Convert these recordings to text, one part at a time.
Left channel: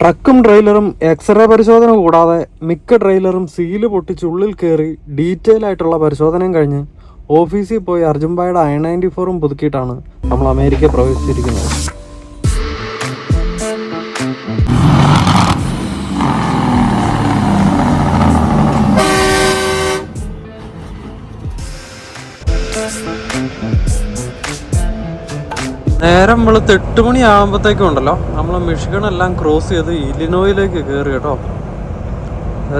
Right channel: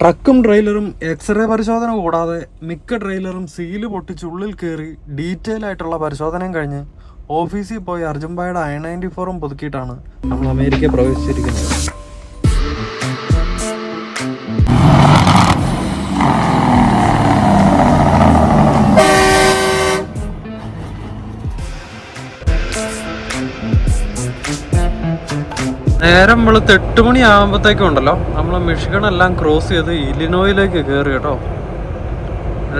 ട്രക്കും ട്രെയിലറും x-ray പരിശോധന കൂടാതെ മിക്ക ട്രെയിലറും സീല് പൊട്ടിച്ച് ഉള്ളിൽ കയറി ഡീറ്റെയിൽ ആയിട്ടുള്ള പരിശോധനയും കഴിഞ്ഞ് ഓഫീസിൽ പോയി അർജുൻഭായുടെ I-94ഉം പുതുക്കിയിട്ടാണ് നമ്മൾ അമേരിക്ക പ്രവേശിച്ചിരിക്കുന്നത്. നേരം വെളുത്ത് 8 മണി ആകുമ്പോഴത്തേക്കും ഉണ്ടല്ലോ നമ്മൾ മിഷിഗൺ എല്ലാം ക്രോസ് ചെയ്ത് ഇലിനോയിലേക്ക് കയറി കേട്ടോ.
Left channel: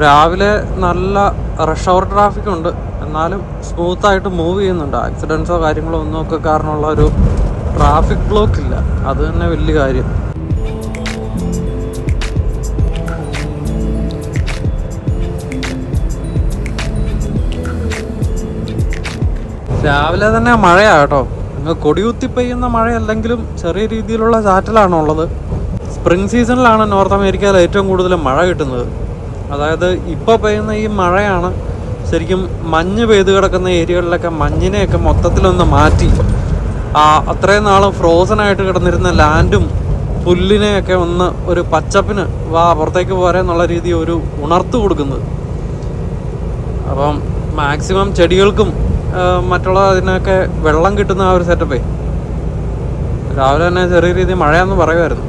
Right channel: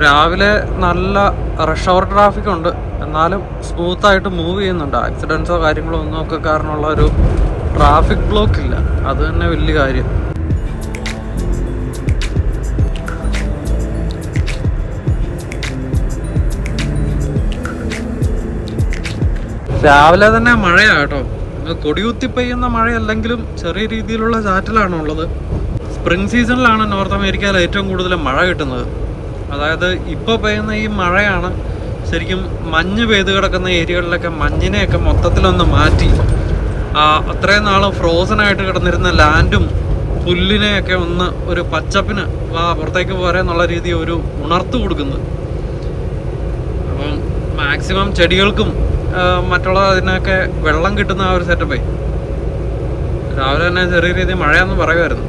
രാവിലെ നല്ല റഷ് അവർ ട്രാഫിക് ഉണ്ട്, എന്നാലും സ്മൂത്തായിട്ട് മൂവ് ചെയ്യുന്നുണ്ട്. ആക്സിഡൻസോ കാര്യങ്ങളോ ഒന്നും ഒക്കെ കാരണമുള്ള ഒരു ട്രാഫിക് ബ്ലോക്ക് ഇല്ല, അത് തന്നെ വലിയ കാര്യം. രാവിലെ തന്നെ മഴയാ കേട്ടോ. കൊടികുത്തി പെയ്യുന്ന മഴയല്ലെങ്കിലും ചെറിയ രീതിയിലുള്ള ചാറ്റലാണുള്ളത്. സ്പ്രിംഗ് സീസണിലാണ് നോർത്ത് അമേരിക്കയിൽ ഏറ്റവും കൂടുതൽ മഴ കിട്ടുന്നത്. അതായത് ഇപ്പോൾ പെയ്യുന്ന ഈ മഴയാണ് ശരിക്കും മഞ്ഞ് പെയ്ത് കിടക്കുന്ന ഏരിയകളിലൊക്കെ മഞ്ഞിനെയൊക്കെ മൊത്തത്തിലൊന്ന് മാറ്റി അത്രയും നാൾ ഫ്രോസനായിട്ട് കിടന്നിരുന്ന ലാൻഡും പുല്ലിനെയൊക്കെ ഒന്ന് ഒരു പച്ചപ്പിന് പുറത്തേക്ക് പോരാ എന്നുള്ള രീതി ഒരു ഉണർത്ത് കൊടുക്കുന്നത്. അപ്പം മാക്സിമം ചെടികൾക്കും മറ്റുള്ള അതിനൊക്കെ വെള്ളം കിട്ടുന്ന ആ ഒരു സെറ്റപ്പേ. രാവിലെ തന്നെ ചെറിയ രീതിയിൽ മഴയാന്ന് പറയുമായിരുന്നു.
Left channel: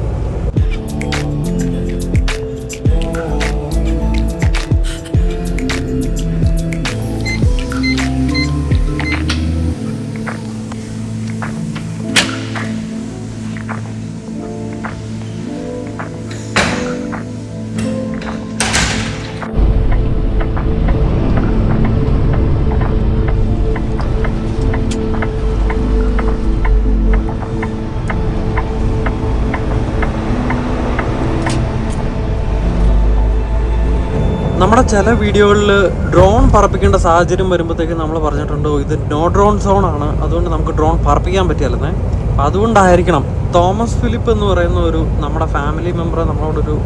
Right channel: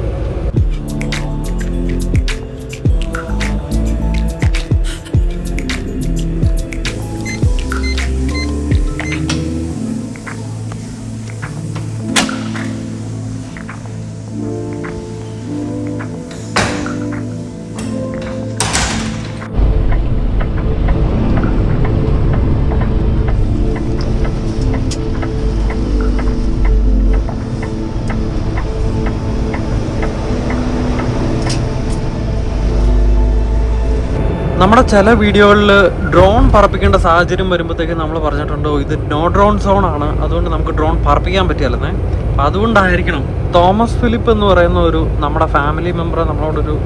നമ്മുടെ ചില വീഡിയോകളിൽ ഡ്രോൺ പറപ്പിക്കേണ്ട സാഹചര്യം വരുമ്പോഴത്തേക്കും നമ്മൾ പറഞ്ഞിട്ടുണ്ട് ഇത് നോ ഡ്രോൺ സോൺ ആണ്, അതുകൊണ്ട് നമുക്ക് ഡ്രോൺ പറപ്പിക്കാൻ പറ്റിയല്ലെന്നേ. അപ്പം അതുകൊണ്ടായിരിക്കണം തോമസ് ഫിലിപ്പ് എന്ന് പറയുന്ന ഒരു നമ്മുടെ ഫാമിലി മെമ്പർ നമ്മളോടൊരു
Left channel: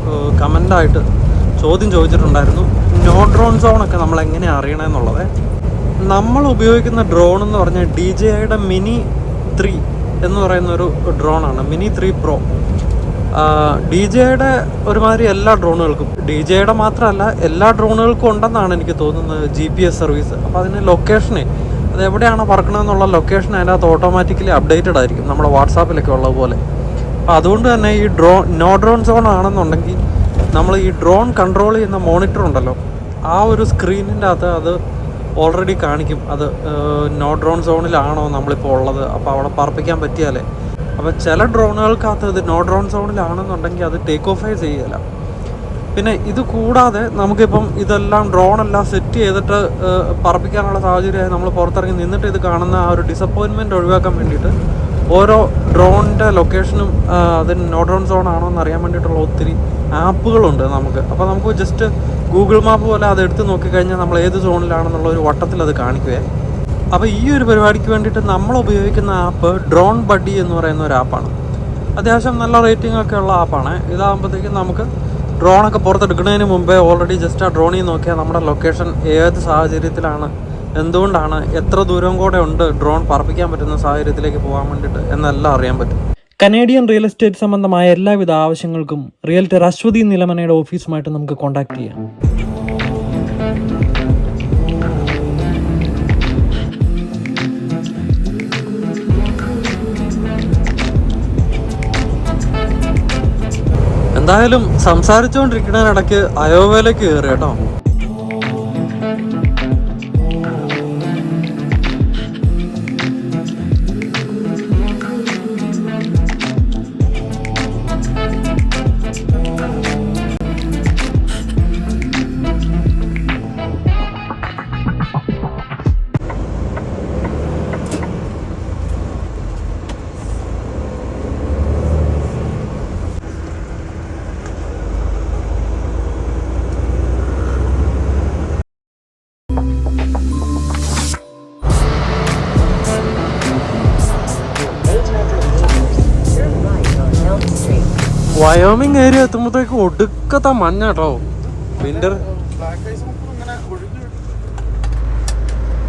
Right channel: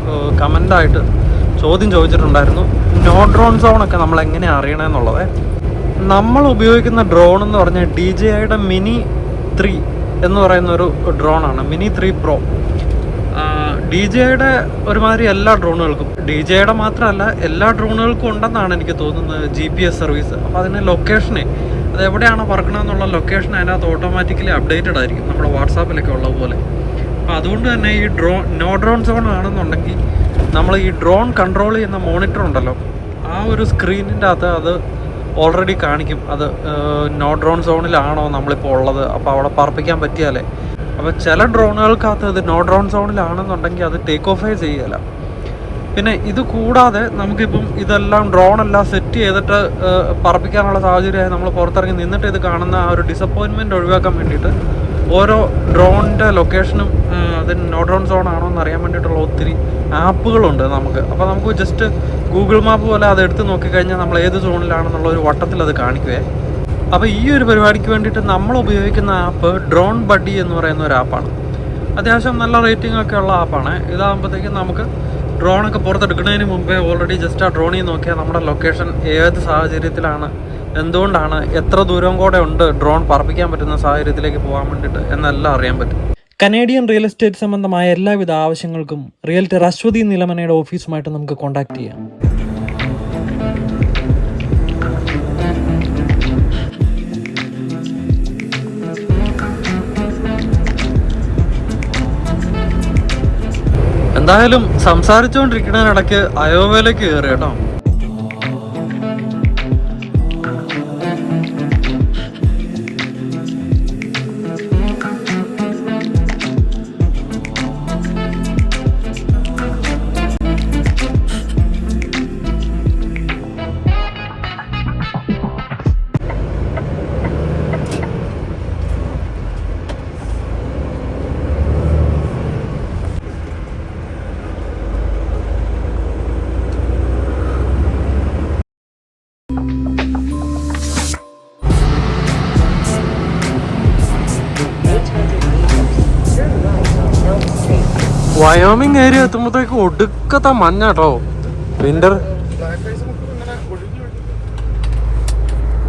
കമൻ്റായിട്ട് ചോദ്യം ചോദിച്ചിട്ടുണ്ടായിരുന്നു, നോ ഡ്രോൺ സോണൊക്കെ നമ്മൾ എങ്ങനെ അറിയണമെന്നുള്ളത്. നമ്മൾ ഉപയോഗിക്കുന്ന ഡ്രോൺ എന്ന് പറഞ്ഞാൽ DJIയുടെ മിനി 3 എന്ന് പറയുന്ന ഒരു ഡ്രോണാണ്, മിനി 3 Pro. DJIയുടെ ഒരുമാതിരി എല്ലാ ഡ്രോണുകൾക്കും, DJIയുടെ മാത്രമല്ല എല്ലാ ഡ്രോണുകൾക്കും ഉണ്ടെന്നാണ് എനിക്ക് തോന്നുന്നത് GPS സർവീസ്. അപ്പോൾ അതിന് ലൊക്കേഷനെ, അത് എവിടെയാണ് പറക്കണമെന്നുള്ള ലൊക്കേഷൻ അതിനകത്ത് ഓട്ടോമാറ്റിക്കലി അപ്ഡേറ്റഡ് ആയിരിക്കും, നമ്മുടെ വാട്സാപ്പിലൊക്കെ ഉള്ള പോലെ. അപ്പോൾ അതുകൊണ്ട് തന്നെ ഈ നോ ഡ്രോൺ സോൺ ആണെന്നുണ്ടെങ്കിൽ നമ്മൾ ഈ ഡ്രോൺ കൺട്രോൾ ചെയ്യുന്ന മോണിറ്റർ ഉണ്ടല്ലോ, ആ ഒരു സ്ക്രീനിൻ്റെ അകത്ത് അത് ഓൾറെഡി കാണിക്കും അത് നോ ഡ്രോൺ സോണിലാണോ നമ്മളിപ്പോൾ ഉള്ളത്. അപ്പോൾ അവിടെ പറപ്പിക്കാൻ പറ്റിയാലേ. അപ്പോൾ ചില ഡ്രോണുകൾക്കകത്ത് ഇത് നോ ഡ്രോൺ സോണിലാണെന്നുണ്ടെങ്കിൽ അത് ടേക്ക് ഓഫേ ചെയ്യല. പിന്നെ ഇത് കൂടാതെ നമുക്കിപ്പം ഇതെല്ലാം ഡ്രോണെല്ലാം സെറ്റ് ചെയ്തിട്ട് പറപ്പിക്കാനുള്ള സാഹചര്യമായി നമ്മൾ പുറത്തിറങ്ങി നിന്നിട്ട് ഇത് കാണുന്ന ആ ഒരു ഡിസപ്പോയിൻമെൻറ്റ് ഒഴിവാക്കാൻ വേണ്ടിയിട്ട് ഓരോ ഡ്രോണിൻ്റെ ലൊക്കേഷനും അത് നോ ഡ്രോൺ സോൺ ആണോ എന്ന് അറിയാൻ വേണ്ടിയിട്ടുള്ള ഒത്തിരി ആപ്പുകളുണ്ട് നമുക്ക്. അപ്പോൾ നമുക്ക് ജസ്റ്റ് ഗൂഗിൾ മാപ്പ് പോലെ അത് എടുത്ത് നോക്കിക്കഴിഞ്ഞാൽ നമ്മൾ ഏത് സോണിലാണെന്നുള്ള ഒരു വട്ടത്തിൽ അത് കാണിക്കുവേ. അപ്പോൾ ഈ ഒരു പരിപാടിക്ക് വേണ്ടിയിട്ട് നമ്മൾ ഉപയോഗിക്കുന്ന ആപ്പ് ഡ്രോൺ ബഡ്ഡി എന്ന് പറയുന്ന ഒരു ആപ്പാണ്. അത്യാവശ്യം നല്ല റേറ്റിംഗ് ഒക്കെ ഉള്ള ആപ്പാണ്. ഇതാകുമ്പോഴത്തേക്കും നമുക്ക് ഡ്രോണൊക്കെ പുറത്തെടുക്കുന്നതിന് മുമ്പേ ഓൾറെഡി ജസ്റ്റ് ആ ഡ്രോണിൽ നോക്കിയാൽ നമ്മുടെ ലൊക്കേഷൻ ഏത് സാഹചര്യത്തിലാണ്, എന്തുകൊണ്ടാണ്, എത്ര ദൂരം കൂടെ ഉണ്ട് ഡ്രോൺ പറപ്പിക്കാൻ പറ്റുന്ന സാഹചര്യത്തിലേക്ക് പോകാൻ വേണ്ടിയിട്ട് എന്നെല്ലാം അറിയാൻ പറ്റും. കനേഡിയൻ റിയൽ എസ്റ്റേറ്റ് സംബന്ധമായ എല്ലാവിധ ആവശ്യങ്ങൾക്കും റിയൽറ്റർ അശ്വതി നിലമനയുടെ ഓഫീസുമായിട്ട് നമുക്ക് കോൺടാക്ട് ചെയ്യാം. എന്തായാലും സംസാരിച്ചുകൊണ്ടിരിക്കുന്നതിനിടയ്ക്ക് അയോവയിലേക്ക് കയറി കേട്ടോ. വയോമിങ് ഏരിയ എത്തുമ്പോഴത്തേക്ക് ഒടുക്കത്തെ മഞ്ഞ കേട്ടോ. വിന്റർ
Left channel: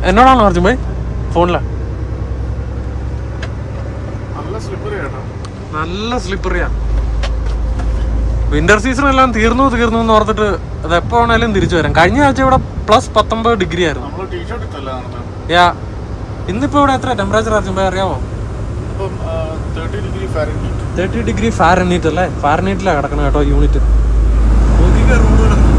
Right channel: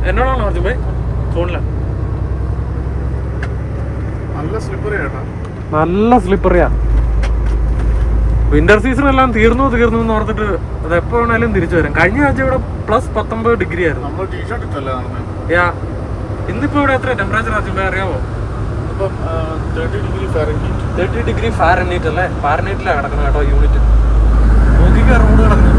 എന്നോടാണോ അർജുൻ ഭായി ഫോണില? നല്ല സ്ലിപ്പറിയാ. വിന്റർ സീസൺ എല്ലാം തീർന്നു എന്ന് ഓർത്തിട്ട് അത് എപ്പോ വേണേലും തിരിച്ചു വരാം. കഴിഞ്ഞ ആഴ്ച ഇവിടെ +19 ഡിഗ്രി ആയിരുന്നു. ഇന്നിപ്പോ ഇവിടെ എത്ര ടെമ്പറേച്ചർ അറിയാമോ? 30 ഡിഗ്രി ഫാരൻഹീറ്റ് അല്ലേ? ഫാരൻഹീറ്റിലാണ് കിടക്കുന്നത് കേട്ടോ യൂണിറ്റ്. നോക്കിക്കാ റോഡ് കിടക്കുന്നത്.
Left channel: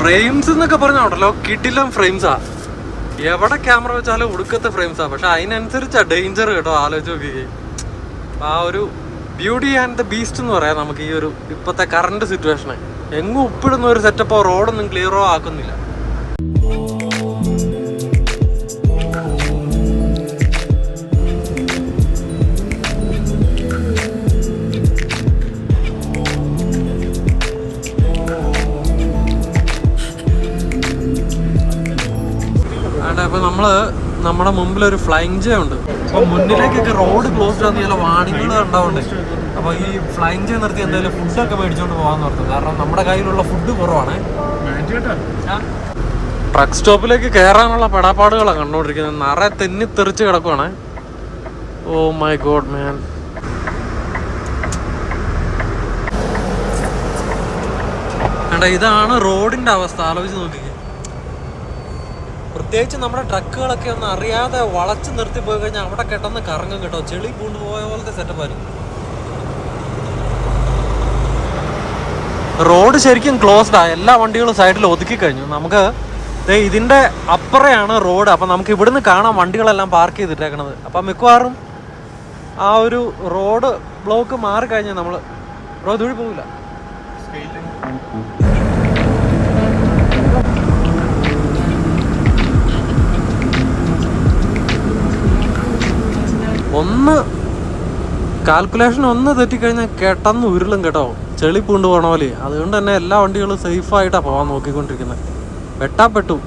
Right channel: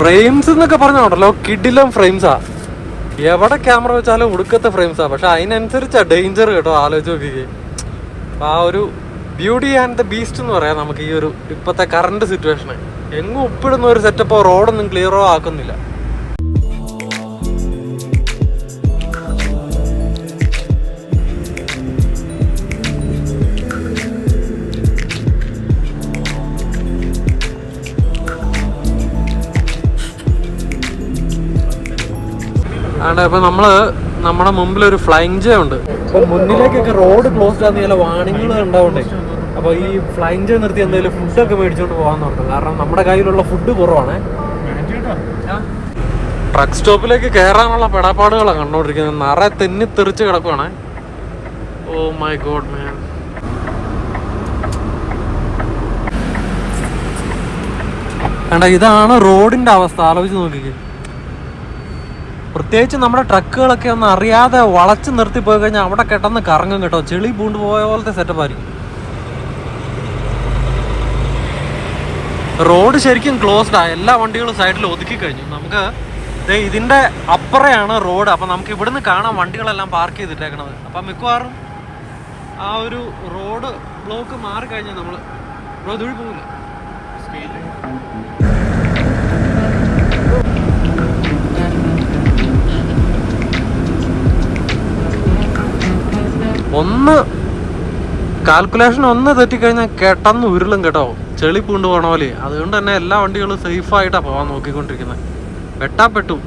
ഫ്രെയിംസ് എന്നൊക്കെ പറഞ്ഞോണ്ടല്ലോ, കിഡിലും ഫ്രെയിംസാ. എവിടെ ക്യാമറ വെച്ചാലും ഒടുക്കത്തെ ഫ്രെയിംസാ. പക്ഷെ അതിനനുസരിച്ചാ ഡേഞ്ചർ കേട്ടോ. ആലോചിച്ച് നോക്കിക്കേ. ആ ഒരു ബ്യൂട്ടി ആൻഡ് ദ ബീസ്റ്റ് എന്ന് പറയാം നമുക്ക് ഈ ഒരു ഇപ്പോഴത്തെ കറണ്ട് സിറ്റുവേഷന്. എങ്ങും ഉപ്പിടുന്ന ഒരു സെറ്റപ്പോ റോഡൊന്നും ക്ലിയറോ ആക്കുന്നില്ല. അപ്പൊ നമ്മുടെ മുമ്പിൽ ഒരു ഫ്ലൈങ് ജേ ഉണ്ട്. അപ്പൊ മുന്നിലേക്കൊക്കെ റോഡ് ക്ലോസ്ഡ് ആണെന്ന് ചില വാണിങ്ങൾ ഉണ്ടാവണ്ടേ. അപ്പൊ ഈ ഫ്ലൈങ് ജേ നിർത്തി എന്തായാലും ഫുഡൊക്കെ മേടിച്ചോണ്ട് പോകാന്ന് പറഞ്ഞു. കാരണം നമ്മുടെ കയ്യിലുള്ള ഫുഡ് കുറവാണ്. ട്രക്ക് സ്റ്റോപ്പിലേക്ക് കയറാനുള്ള പെടാപ്പാടുകളാണ് കണ്ടോണ്ടിരിക്കുന്നത്. നിറയെ തെന്നി തെറിച്ച് കിടക്കുവാണ്. ഓ മൈ ഗോഡ് മാൻ. ഇതാണ് റോഡിന്റെ അവസ്ഥ. ആലോചിച്ച് നോക്കിക്കേ. പ്രത്യേകിച്ച് നമ്മുടെ ട്രക്കുകളൊക്കെ ഒന്ന് അറിയാതെ വളച്ച് നിർത്തി പോയി കഴിഞ്ഞാൽ അവിടെ കെട്ടന്ന് കറങ്ങും കേട്ടോ. ചെളി പൂണ്ട് പോയ പോലത്തെ സെറ്റപ്പ് ആയിരിക്കും. റോഡ് ശരിക്കും ക്ലോസ്ഡാ. എല്ലാ വണ്ടികളും സൈഡിൽ ഒതുക്കി കഴിഞ്ഞു. നമുക്ക് ഇതിന്റെ അപ്പുറയാണ് റോഡ്. അപ്പൊ നമുക്ക് ഇവിടുന്ന് കാണാം വണ്ടികളെല്ലാം പാർക്ക് ചെയ്തിട്ടേക്കണത്. അപ്പൊ മിക്കവാറും ആ ഒരു റോഡ് ബ്ലോക്ക് മാറി കഴിഞ്ഞാൽ നമ്മള് ദൂരെ പോകില്ല. കാൽക്കുലേഷൻ ഒന്ന് തെറ്റിക്കഴിഞ്ഞാൽ കെട്ടന്ന് ഉരുളും കേട്ടോ. ചെളി പൂണ്ട് പോകണ പോലെ. അതുകൊണ്ട് തന്നെ എല്ലാ വണ്ടികളും സേഫായിട്ടാണ് പോകാൻ നോക്കിക്കൊണ്ടിരിക്കുന്നത്. വെട്ടാപ്പെട്ടു.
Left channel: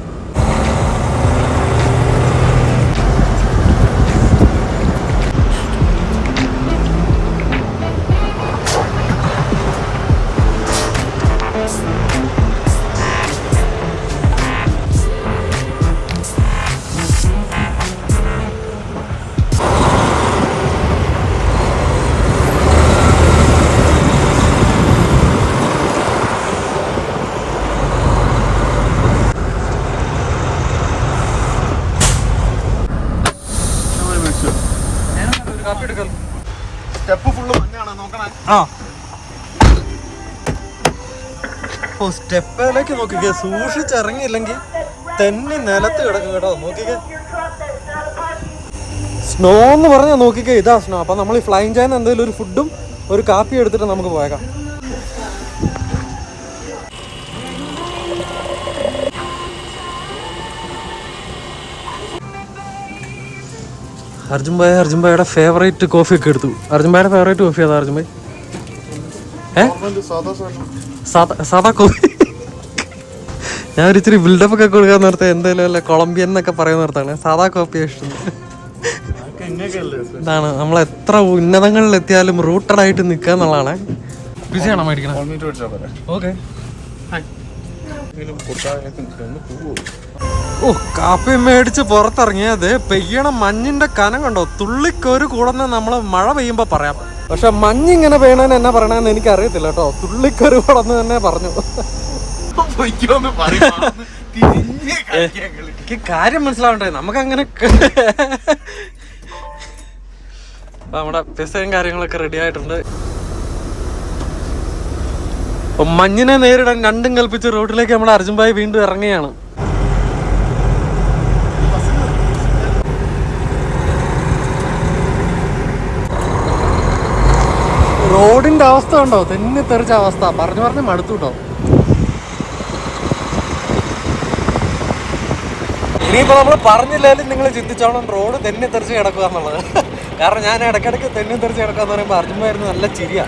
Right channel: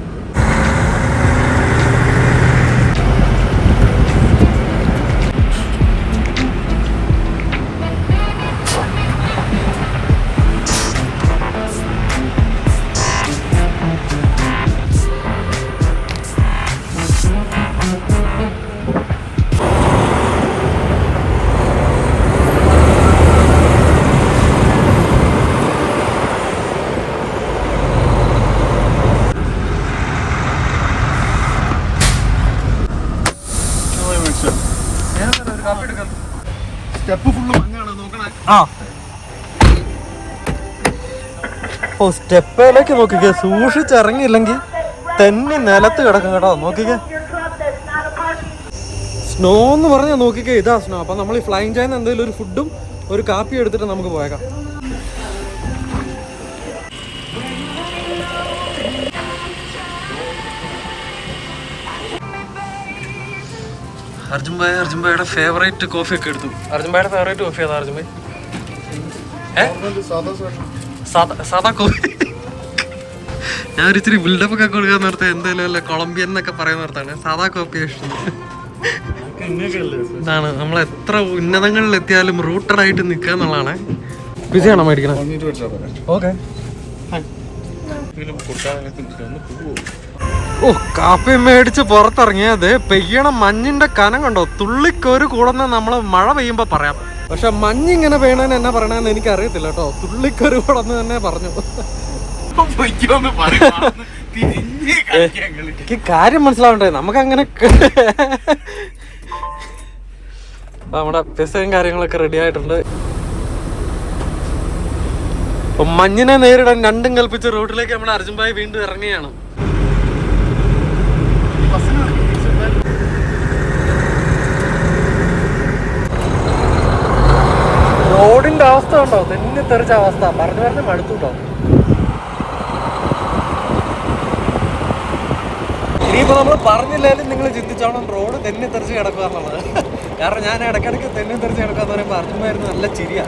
സ്റ്റെപ്പിലേക്ക് നോക്കിക്കേ. സൂക്ഷിച്ചിറങ്ങിയില്ലെങ്കിൽ തെന്നി നിലത്ത് കിടക്കും കേട്ടോ. നോക്കിക്കേ, സ്നോ എന്ന് പറഞ്ഞാൽ നോക്കിക്കേ, ഇതാ സ്നോ. അപ്പൊ നമ്മൾ ഈ ഫ്ലൈങ് ജേന്ന് എന്തെങ്കിലും ഒരു ഫുഡും ഒരു കാപ്പി എടുത്തിട്ട് നമുക്ക് പോയേക്കാം. അർജുൻഭായുടെ ഫേവറേറ്റ് കോഫി ഒക്കെ എടുത്തു. അർജുൻഭായുടെ ഫേവറേറ്റ് കോഫി അതാ അർജുൻഭായ്? സാധാ കോഫി. ഞാൻ ഒരിച്ചിരി ബിൽഡപ്പ് ഒക്കെ കൊടുക്കാൻ നേരത്തെ എന്തായാലും അല്ല കൊളംബിയൻ എന്നൊക്കെ പറയുന്ന നേരത്താണ് സാധാ കോഫി ഇഷ്ടം. ഇതാണ് നമ്മൾ എത്ര ഉന്നതങ്ങളിൽ എത്തിയാലും റൂട്ടഡ് ആയിട്ട് നിൽക്കുക എന്നുള്ളതാണ്. ബിസിയാണോ മേടിക്കണം? ഓക്കെ. ഓ, കാപ്പി മേടിച്ച് പുറത്തിറങ്ങിയത് പെയ്യണ മഞ്ഞിന്റെ കനം കണ്ടോ. തുള്ളിക്കൊരു കൂടെന്ന് നമ്മള് മഴ പെയ്യുമ്പോ പറയാം. പക്ഷെ മഞ്ഞിങ്ങനെ പെയ്യണേന്ന് എന്നാ പറയണെന്ന് എനിക്ക് അറിയത്തില്ല കേട്ടോ. തുള്ളിക്കൊരു കൂടെന്ന് തന്നെ പറഞ്ഞു. എനിക്ക് കാര്യം മനസ്സിലാവണ്ടേ നമുക്കങ്ങനെ. നമ്മുടെ പിസയും കാര്യങ്ങളൊക്കെ റെഡി ആയിട്ടുണ്ട്. അപ്പൊ മഞ്ഞിനെ നേരിടാൻ രണ്ടും കൽപ്പിച്ച് റോഡിലേക്ക് നമ്മുടെ അർജുൻഭായ് വീണ്ടും ഇറങ്ങിയാണ്. റോഡിന്റെ അവസ്ഥ ഉണ്ടോ? തെന്നി തെറിച്ച അവസ്ഥ. പറഞ്ഞു മടുത്തുണ്ടോ. ഇനിയിപ്പോ നമ്മൾ പറഞ്ഞില്ലാലും നിങ്ങൾ ചിന്തിച്ചോണം റോഡ് തെന്നി തെറിച്ച് കിടക്കുക എന്നുള്ളത്. കാരണം ഞാൻ ഇടയ്ക്കിടയ്ക്ക് തെന്നി തെറിച്ച് കിടക്കുക എന്ന് പറയുമ്പോൾ അർജുൻഭായിരുന്നു നല്ല ചിരിയാ.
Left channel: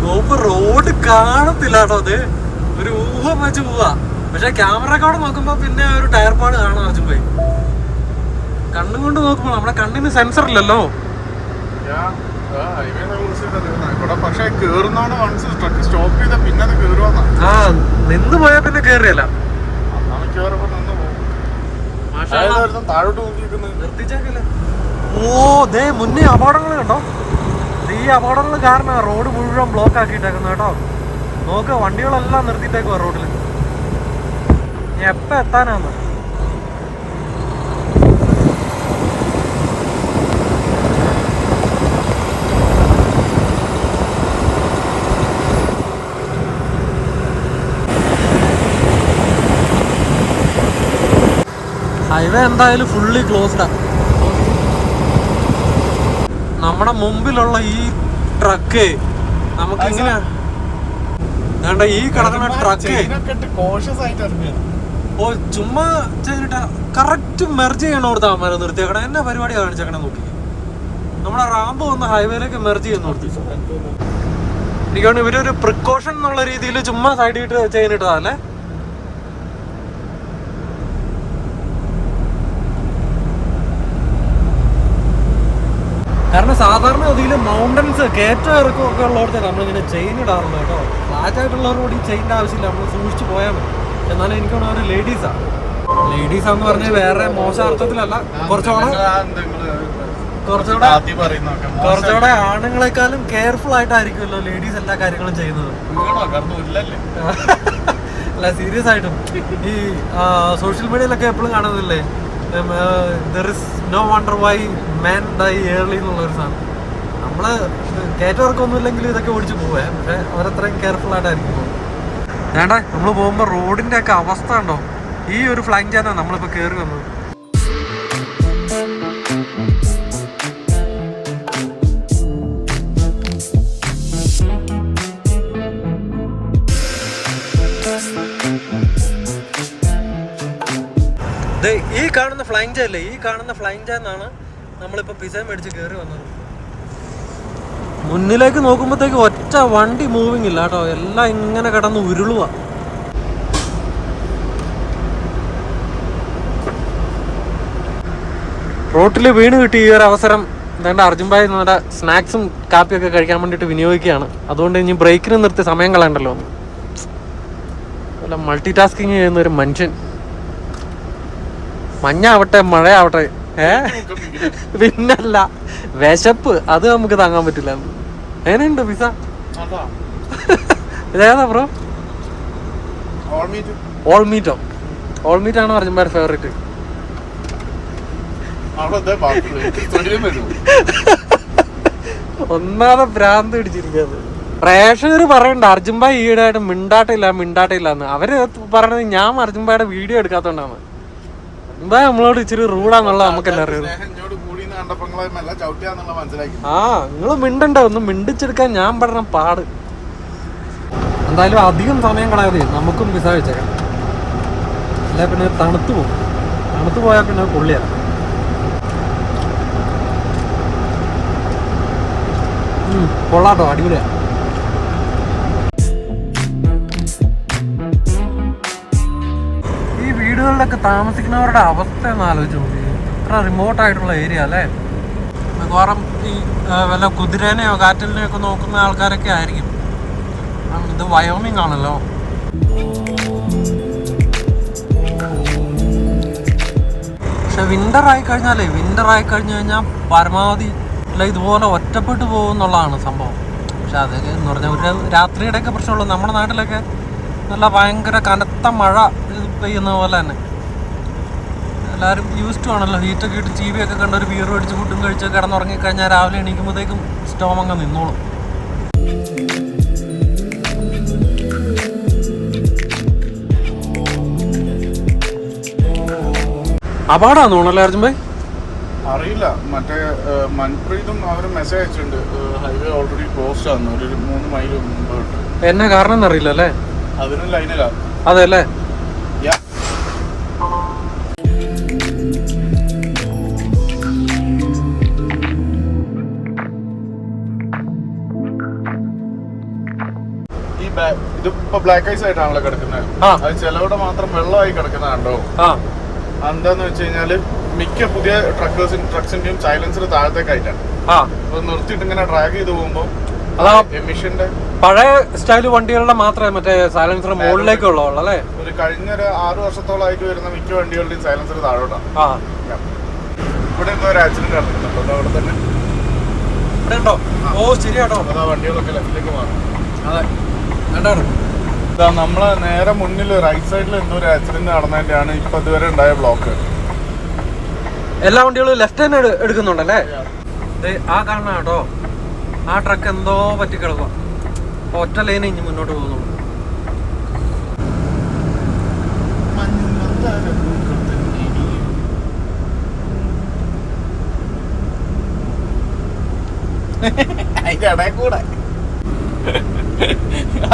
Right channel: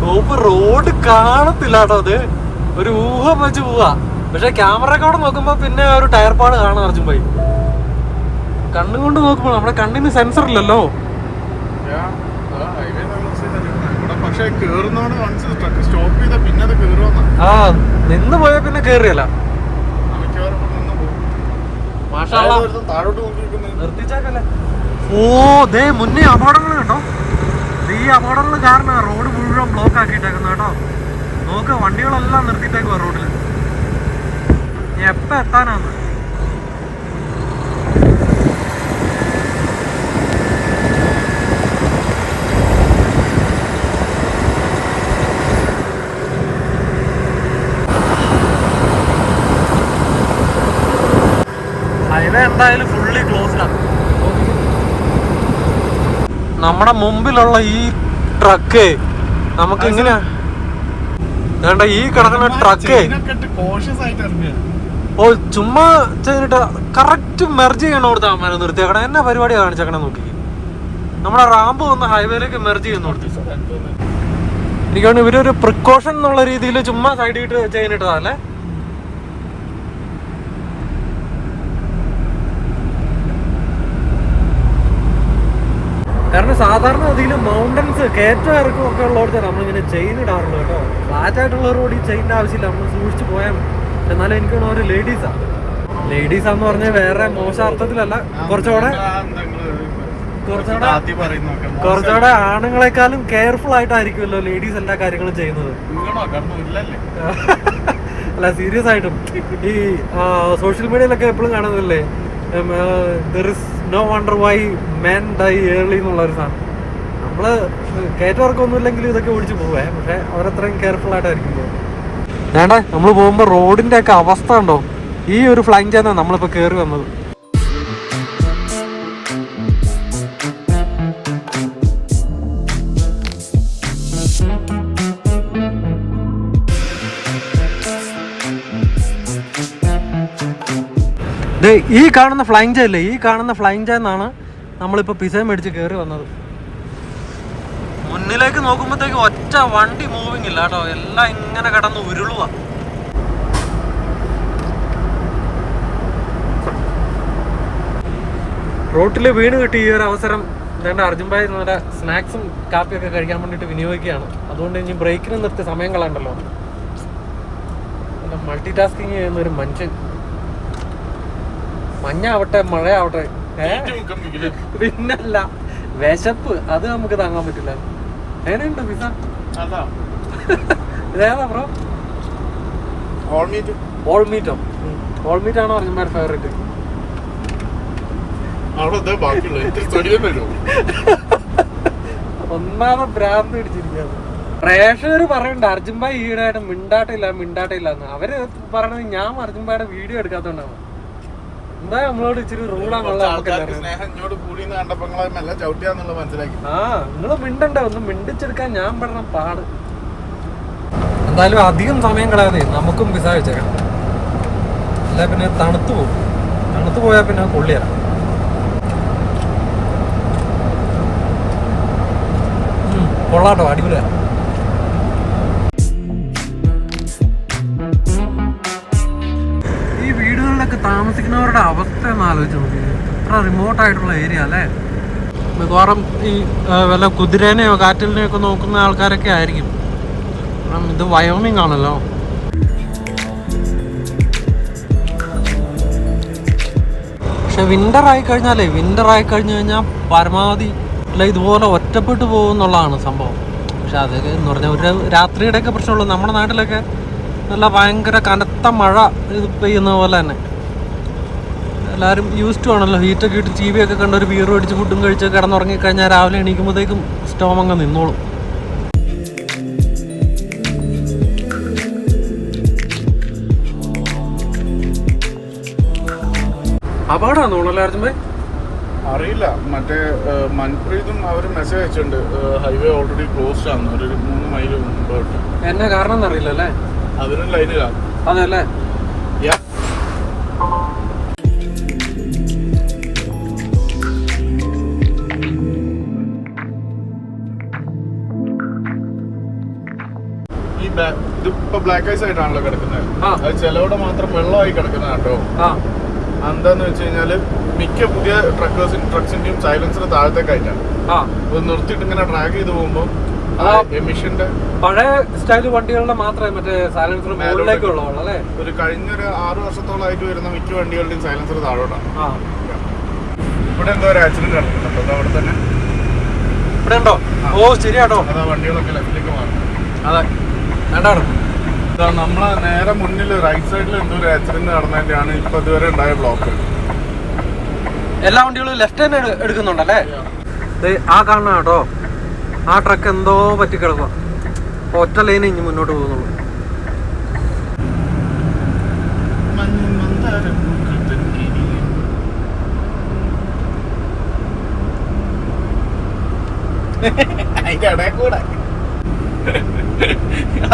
കോപ്പ് റോഡ് കാണത്തില്ല കേട്ടോ. അത് ഒരു ഊഹം വെച്ച് പോവാ. പക്ഷെ ക്യാമറക്കോടെ നോക്കുമ്പോ പിന്നെ ഒരു ടയർ പാട് കാണാം അർജുൻ ഭായി. കണ്ണും കൊണ്ട് നോക്കുമ്പോ നമ്മുടെ കണ്ണിന് സെൻസർ ഇല്ലല്ലോ. ആ നിന്ന് പോയാ പിന്നെ കേറിയല്ല. ഓ ദേ മുന്നേ അപകടങ്ങൾ കണ്ടോ. ഈ അപകടങ്ങൾ കാരണം റോഡ് മുഴുവൻ ബ്ലോക്ക് ആക്കിയിട്ടേക്കുന്നു കേട്ടോ. നോക്ക് വണ്ടികളെല്ലാം നിർത്തിയിട്ടേക്കുവാ റോഡിൽ. എപ്പ എത്താനാന്ന്. ഹൈവേ എന്തായാലും ഫുള്ളി ക്ലോസ്ഡാ. നമ്മുടെ മുമ്പിലുള്ള ഈ ട്രക്ക് നമുക്ക് ഇങ്ങനെ വേണ്ട. ഈ കിടക്കുന്ന ട്രക്ക് ഓ ചുമ്മാ ചെയ്തിട്ട് കറക്റ്റ് മെർജ് ചെയ്യണോടുത്താ മരം നിർത്തിയേക്കണം. എന്നാ പരിപാടിയാണ് കാണിച്ചേക്കണേ നോക്കി. നമ്മുടെ റാമ്പ് വന്ന ഹൈവേയിലേക്ക് മെർജ് ചെയ്യുന്നോടത്ത് എനിക്ക് തോന്നുന്നു ഇവരൊരു പ്രിക്കോഷൻ എന്നുള്ള രീതിയിൽ ചുമ്മാ സൈഡിട്ട് ചെയ്യുന്നിട്ടതല്ലേ. കാരണം സാധാരണ ഗതിയിൽ മൗണ്ടൻസ് കയറ്റം ഇറക്കും ഒക്കെ ഉള്ളവർക്ക് നമ്മളിങ്ങനെ ചെയിൻ ഇടാറുള്ളൂ കേട്ടോ. ഫ്ലാറ്റ് ആയിട്ടുള്ള റോഡ് ഈ ചെയിൻ്റെ ആവശ്യമില്ല, നമ്മൾ സൂക്ഷിച്ച് പോയാൽ മതി. എന്നാലും എനിക്ക് തോന്നുന്നു ഒരു ലേഡീസാന്ന് പറഞ്ഞാൽ വേറെ മോശം അർത്ഥത്തിലല്ല, കുറച്ചുകൂടെ ആണുങ്ങളെക്കാളും കെയർഫുൾ ആയിട്ടായിരിക്കുമല്ലോ ലേഡീസ് എല്ലാ കാര്യങ്ങളും ചെയ്യുന്നത്. അല്ല സീരിയസ് ആയിട്ടും ഈ സോഷ്യൽ മീഡിയയിലൊക്കെ എപ്പോഴും കാണുന്നില്ലേ there is no wonder why men die early എന്നുള്ളൊരു സാധനം. നമ്മള് കയറ്റവർക്കൊന്നും ഇല്ലെങ്കിലും ഇതൊക്കെ ഓടിച്ചു പോവേ, പക്ഷെ അവരത്രയും കെയർഫുൾ ആയിട്ടായിരിക്കും പോകുന്നത്. വേണ്ട നമ്മൾ പോകുമ്പോ റോഡിന്റെ ഒക്കെ അവസ്ഥ ഉണ്ടോ. ഈ ഒരു ഫ്ലൈങ് ചാനാ നമ്മളിപ്പോ കേറി വന്നത്. ഈ കാണുന്ന ഫ്ലൈങ് ചാൻ ഇല്ലേ, ഈ കാണുന്ന ഫ്ലൈങ് ചാന്നാണ് നമ്മളിപ്പോൾ പിസ മേടിച്ച് കയറി വന്നത്. മുന്നിലേക്ക് നോക്കുമ്പോഴത്തേക്ക് ഒറ്റ വണ്ടി മൂവിങ് ഇല്ല കേട്ടോ, എല്ലാം ഇങ്ങനെ കിടന്ന് ഉരുളുക. റോട്ടിൽ വീണ് കിട്ടി ഈ ഒരു അവസരം എന്താണ്ട് അർജുൻ ഭായി നമ്മുടെ സ്നാക്സും കാപ്പിയൊക്കെ കഴിക്കാൻ വേണ്ടിയിട്ട് വിനിയോഗിക്കുകയാണ്. അതുകൊണ്ട് ഇനി ബ്രേക്കിന് നിർത്തി സമയം കളയണ്ടല്ലോ. മൾട്ടി ടാസ്കിങ് ചെയ്യുന്ന ഒരു മനുഷ്യൻ. മഞ്ഞാവട്ടെ മഴയാവട്ടെ പിന്നല്ല വിശപ്പ് അത് നമുക്ക് താങ്ങാൻ പറ്റില്ല. എങ്ങനെയുണ്ട് പിസ? ഏതാ ബ്രോ? ഓൾ മീറ്റോ? ഓൾ മീറ്റ് ആണ് അർജുൻഭായുടെ ഫേവറേറ്റ്. ഒന്നാമതെ ഭ്രാന്ത് പിടിച്ചിരിക്കാന്ന് പ്രേക്ഷകർ പറയണ്ട അർജുൻഭായ് ഈയിടെയായിട്ട് മിണ്ടാട്ടില്ല എന്ന്. അവര് പറയണത് ഞാൻ അർജുൻഭായുടെ വീഡിയോ എടുക്കാത്തോണ്ടാണ്. എന്താ നമ്മളോട് ഇച്ചിരി റൂഡാന്നുള്ള നമുക്കെല്ലാം അറിയാം. ആ നിങ്ങള് മിണ്ടണ്ട, ഒന്ന് മിണ്ടിച്ചെടുക്കാൻ ഞാൻ പെടണം പാട്. എന്തായാലും അധികം സമയം കളയാതെ നമുക്കും പിസ കഴിച്ചേക്കാം. അല്ല പിന്നെ തണുത്തു പോയാൽ പിന്നെ കൊള്ളിയാ. കൊള്ളാട്ടോ, അടിപൊളിയാ. വീടുകളിലൊക്കെ താമസിക്കുന്നവരുടെ അവസ്ഥ ഒന്ന് ആലോചിച്ച് നോക്കി. ഇത്ര റിമോട്ട് ആയിട്ടുള്ള ഏരിയ അല്ലേ. മിക്കവാറും ഈ വല്ല കുതിരേനെയോ കാറ്റലിനെയോ ഒക്കെ നോക്കുന്ന ആൾക്കാരൊക്കെ ആയിരിക്കും. ഇത് വയോമിങ് ആണല്ലോ. പക്ഷെ വിന്റർ ആയി കഴിഞ്ഞാൽ പരമാവധി അല്ല ഇതുപോലെ ഒറ്റപ്പെട്ടു പോകുന്നുള്ളതാണ് സംഭവം. പക്ഷെ അതൊക്കെ എന്ന് പറഞ്ഞാൽ ഒരു രാത്രിയുടെയൊക്കെ പ്രശ്നമുള്ളൂ. നമ്മുടെ നാട്ടിലൊക്കെ നല്ല ഭയങ്കര കനത്ത മഴ പെയ്യുന്ന പോലെ തന്നെ എല്ലാവരും യൂസ്ഡ് ആണല്ലോ. ഹീറ്റൊക്കെ ഇട്ട് ടി വി ഒക്കെ കണ്ട് ഒരു ബീർ അടിച്ച് ഫുഡും കഴിച്ച് കിടന്നുറങ്ങിക്കഴിഞ്ഞാൽ രാവിലെ എണീക്കുമ്പോഴത്തേക്കും സ്റ്റോം അങ്ങ് നിന്നോളും. അപകടമാണെന്ന് തോന്നുന്നല്ലേ അർജുൻ ഭായ്? അറിയില്ല. മറ്റേ മൻപ്രീതും അവർ മെസ്സേജ് അയച്ചിട്ടുണ്ട് ഹൈവേ ഓൾറെഡി ക്ലോസ്ഡ് ആണ് ഒരു 3 മൈൽ മുമ്പോട്ട്. എന്നെ കാരണം അറിയില്ല അല്ലേ? അതിനും ലൈനില്ല. അതെ അല്ലേ? ഈ ഇതിപ്പോ ബ്ലാക്ക് ഐസ് ആയിട്ടാണല്ലോ കിടക്കുന്നത്. അത് ചിലവിടെ മാത്രം വെള്ളമായി കിടക്കുന്ന കേട്ടോ. എന്താന്ന് വെച്ച് കഴിഞ്ഞാല് മിക്ക പുതിയ ട്രക്സിന്റെയും സൈലൻസർ താഴത്തേക്കായിട്ടാണ്. നിർത്തിയിട്ട് ഇങ്ങനെ ഡ്രാഗ് ചെയ്ത് പോകുമ്പോ എമിഷന്റെ പഴയ സ്റ്റൈല് വണ്ടികളുടെ മാത്രമേ മറ്റേ സൈലൻസർ മുകളിലേക്കുള്ള അല്ലേ? ഒരു കഴിഞ്ഞ ഒരു 6 വർഷത്തോളമായിട്ട് വരുന്ന മിക്ക വണ്ടികളുടെയും സൈലൻസർ താഴോട്ടാണ്. ഇവിടെ എന്തോ ഒരു ആക്സിഡന്റ് നടക്കുന്നുണ്ടോ അവിടെ തന്നെ? ഇവിടെ ഉണ്ടോ? ഓ ശരിയാട്ടോ. അതാ വണ്ടികളൊക്കെ ലെഫ്റ്റിലേക്ക് മാറും. അതെ നമ്മളെ നേരെ മുന്നിൽ റൈറ്റ് സൈഡിൽ എന്തോ ഒരു ആക്സിഡന്റ് നടന്നതിന്റെയാണ് ഇപ്പൊ ഇതുവരെ ഉണ്ടായ ബ്ലോക്ക്. എല്ലാ വണ്ടികളും ലെഫ്റ്റ് തന്നെ എടുക്കുന്നുണ്ടല്ലേ? ആ കാണണം കേട്ടോ, ആ ട്രക്ക് എന്തോ പറ്റിക്കിടക്കുക. ഒറ്റ ലൈന് ഇനി മുന്നോട്ട് പോകുന്നുള്ളൂ. അതിന്റെ ഇടയിൽ കൂടെ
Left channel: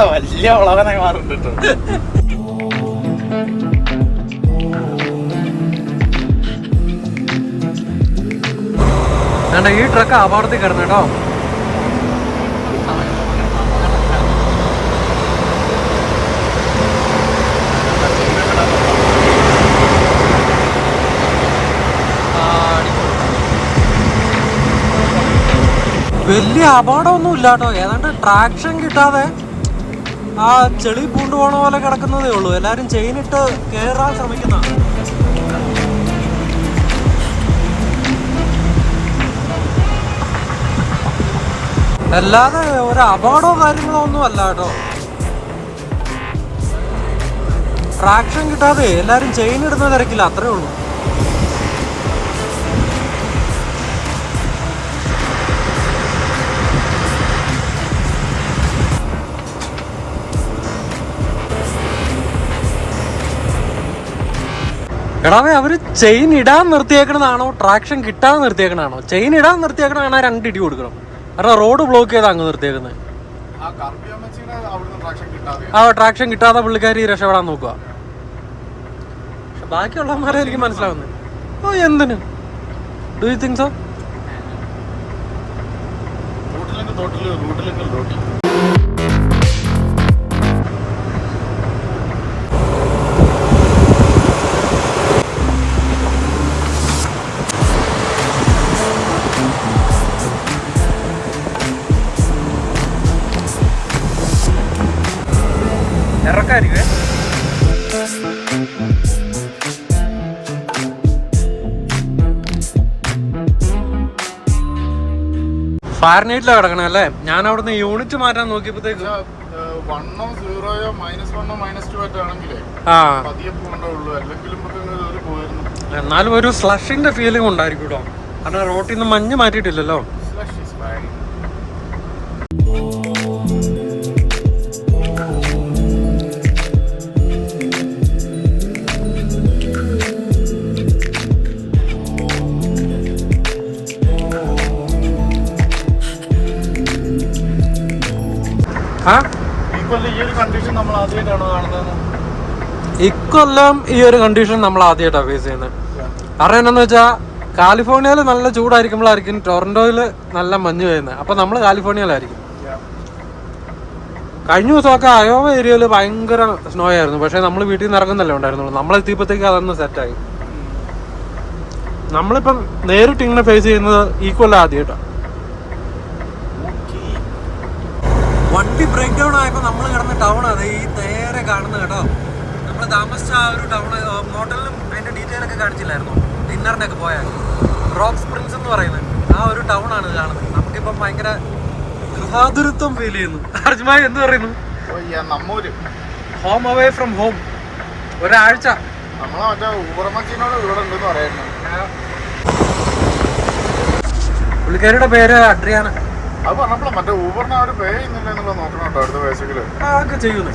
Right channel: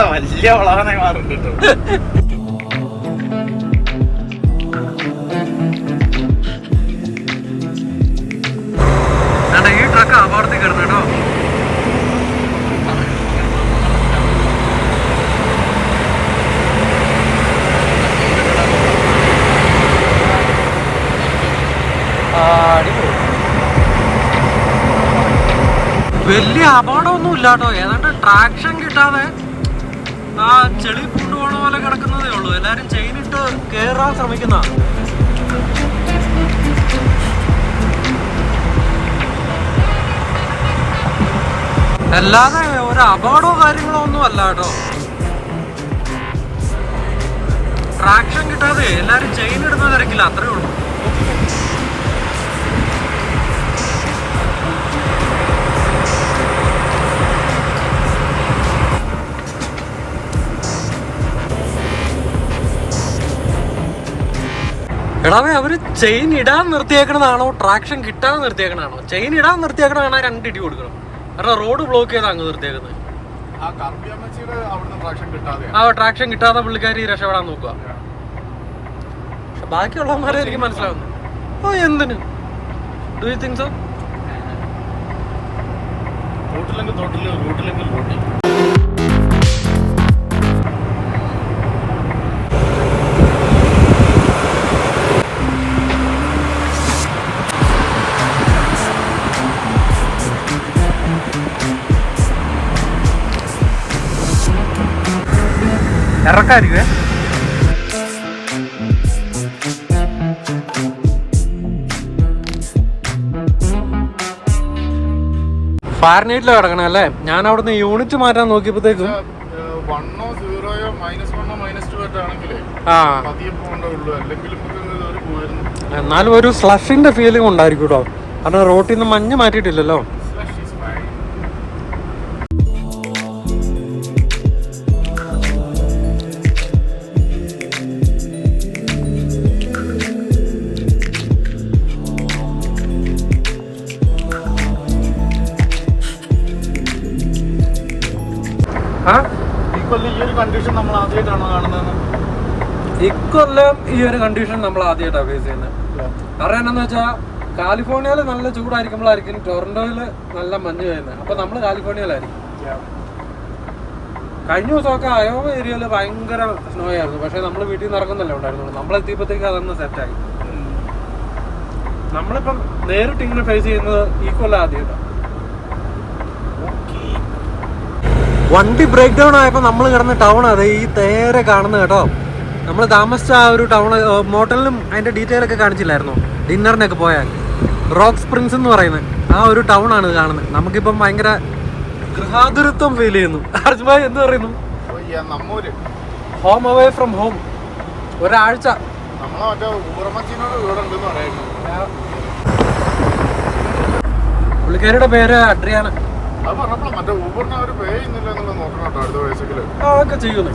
വലിയ വളവനെ മാറുന്നുണ്ട്. ഈ ട്രക്ക് അപകടത്തിൽ കിടന്നു കേട്ടോ. വലിയ അപകടമൊന്നും ഇല്ല കേട്ടോ. ഏതാണ്ട് ട്രാക്ഷൻ കിട്ടാതെ ആ ചെളി കൊണ്ടുപോണ പോലെ കിടക്കുന്നതേ ഉള്ളൂ. എല്ലാരും ചെയിനിട്ട് കേറാൻ ശ്രമിക്കുന്ന. അല്ലാതെ ഒരു അപകടമോ കാര്യങ്ങളോ ഒന്നും അല്ല കേട്ടോ. ട്രാക്ഷൻ കിട്ടാതെ എല്ലാരും ചെയിൻ ഇടുന്ന തിരക്കില്ല, അത്രേ ഉള്ളൂ. എടാവേ, അവര് ചെയിൻ ഇടാൻ നിർത്തിയേക്കണതാണോ ട്രാക്ഷൻ കിട്ടാൻ നിർത്തിയേക്കണതാണോ? ചെയിൻ ഇടാൻ നിർത്തിയേക്കണതാണ് 2 ഇടി കൊടുക്കണം. കാരണം റോഡ് ബ്ലോക്ക് ചെയ്താ അങ്ങ് നിർത്തിയേക്കുന്നത്. ആ ട്രാക്ഷൻ കിട്ടാതെ പുള്ളിക്കാരി രക്ഷപ്പെടാൻ നോക്കുക. പക്ഷെ ബാക്കിയുള്ളവന്മാരെ എനിക്ക് മനസ്സിലാവുന്നു. ഓ എന്തിന്? Do you think so? ഇറക്കാരിക്കുവേ. ഫാരനൈറ്റിലാണ് കിടക്കണേ അല്ലേ? ഞാൻ അവിടുന്ന് യൂണിറ്റ് മാറ്റാൻ നോക്കിയപ്പോഴത്തേക്കും എന്നാലും ഒരു സ്ലഷിന്റെ ഫീലിംഗ് ഉണ്ടായിരിക്കും കേട്ടോ. കാരണം റോട്ടിൽ നിന്ന് മഞ്ഞ് മാറ്റിയിട്ടില്ലല്ലോ. ഇക്കൊല്ലം ഈ ഒരു കണ്ടീഷൻ നമ്മൾ ആദ്യമായിട്ടാണ് ഫേസ് ചെയ്യുന്നത്. കാരണം എന്താന്ന് വെച്ചാൽ കാലിഫോർണിയയിൽ നല്ല ചൂടായിരിക്കുമ്പോഴായിരിക്കും ടൊറന്റോയില് നല്ല മഞ്ഞ് പെയ്യുന്നത്. അപ്പൊ നമ്മൾ കാലിഫോർണിയയിലായിരിക്കും. കഴിഞ്ഞ ദിവസമൊക്കെ അയോവ ഏരിയയിൽ ഭയങ്കര സ്നോ ആയിരുന്നു. പക്ഷെ നമ്മൾ വീട്ടിൽ നിന്ന് ഇറങ്ങുന്നല്ലേ ഉണ്ടായിരുന്നുള്ളൂ. നമ്മളെത്തിയപ്പോഴത്തേക്ക് അതൊന്ന് സെറ്റായി. നമ്മളിപ്പം നേരിട്ട് ഇങ്ങനെ ഫേസ് ചെയ്യുന്നത് ഈ കൊല്ലം ആദ്യമായിട്ടാണ്. വണ്ടി ബ്രേക്ക് ഡൗൺ ആയപ്പോൾ നമ്മൾ കിടന്ന ടൗൺ അതെ ഈ നേരെ കാണുന്നത് കേട്ടോ. നമ്മൾ താമസിച്ച ആ ഒരു ടൗൺ മോട്ടലിലും അതിന്റെ ഡീറ്റെയിൽ ഒക്കെ കാണിച്ചില്ലായിരുന്നു ഡിന്നറിനൊക്കെ പോയാൽ. റോക്ക് സ്പ്രിങ്സ് എന്ന് പറയുന്നത് ആ ഒരു ടൗൺ ആണ് ഇത് കാണുന്നത്. നമുക്കിപ്പം ഭയങ്കര ഗൃഹാതുരത്വം ഫീൽ ചെയ്യുന്നു. അർജുമായി എന്ത് പറയുന്നു? Home away from home. ഒരാഴ്ച പുള്ളിക്കാരിയുടെ പേര് അഡ്രിയാന. അതൊക്കെ ചെയ്യുന്നേ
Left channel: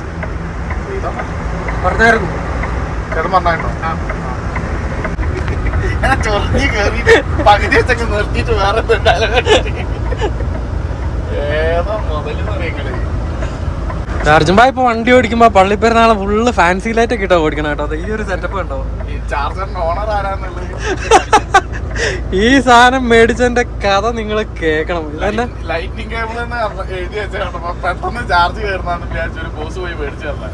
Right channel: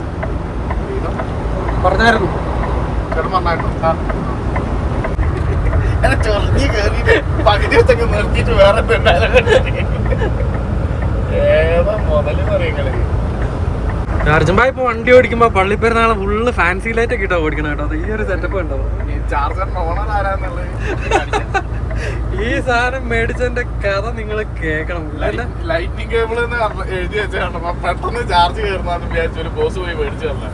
പറഞ്ഞായിരുന്നു. അർജുൻഭായ് ഇപ്പൊ വണ്ടി ഓടിക്കുമ്പോ പള്ളിപ്പെരുന്നാളെ ഫുള്ള് ഫാൻസി ലൈറ്റ് ഒക്കെ ഇട്ടാ ഓടിക്കണം കേട്ടോ. അത് ഈ ഒരു സെറ്റപ്പ് ഉണ്ടോ? ഈ സാധനം മേടിച്ചതിന്റെ കഥ നിങ്ങൾ കേക്കണം. ലൈറ്റിംഗ് കേബിൾ എഴുതി വെച്ചാണ് പെട്ടെന്ന് ചാർജ് കയറുന്ന വിചാരിച്ചൊരു ബോസ് പോയി മേടിച്ചു തന്നെ.